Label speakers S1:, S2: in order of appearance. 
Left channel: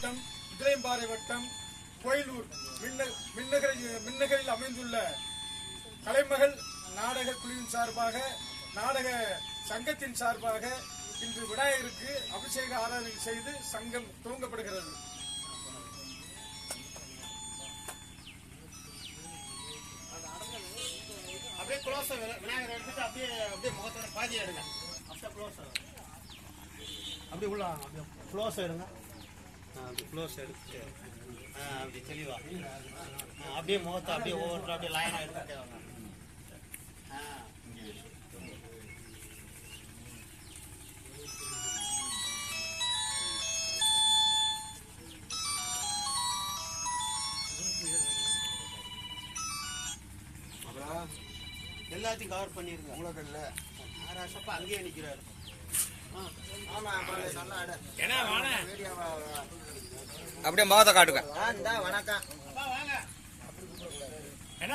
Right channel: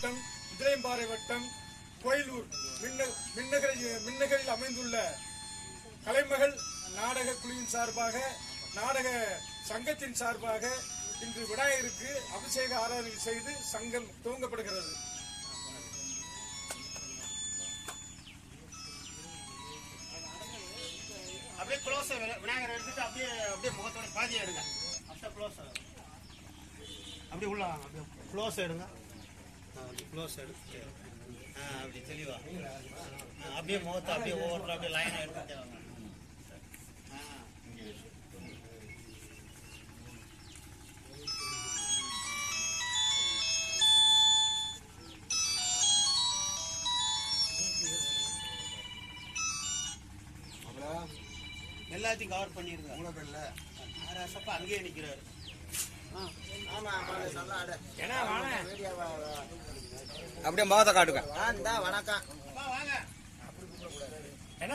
S1: வட்டம் உதிரையம்பாறை வட்டம் கோயிலூர் மின்ன- மின்னகரில் அமைந்துள்ள கலைமகள் நாடக குழுவின் சார்பாக நாடக சங்கத்தின் சார்பாக இன்று விநாயகருக்கு அபிஷேக ஆராதனை செய்து சங்கம் துவங்கப்படுகிறது.
S2: அப்படியே க்ளோஸ் விநாயகர் எடுத்துட்டு அப்படியே அப்படியே முகத்தோட பாதி எடுங்க. அப்படியே க்ளோஸ் அப்படியே உள்ள அப்படியே க்ளோஸ் எடுங்க. க்ளோஸ் எடுத்து ஆ, அப்படி தெளிவா. அப்படியே முகத்தை அப்படியே ஒவ்வொருத்தரும் அப்படியே லைனாக எடுத்துட்டே வாங்க. எல்லாத்தையும் கவர் பண்ணிருங்க. மூலதன்ல ஆராசப்பா அங்கேயே நிக்கிறாரு.
S3: அப்படியே முகத்தை
S4: காட்டுக்க வணக்கம். என்ன?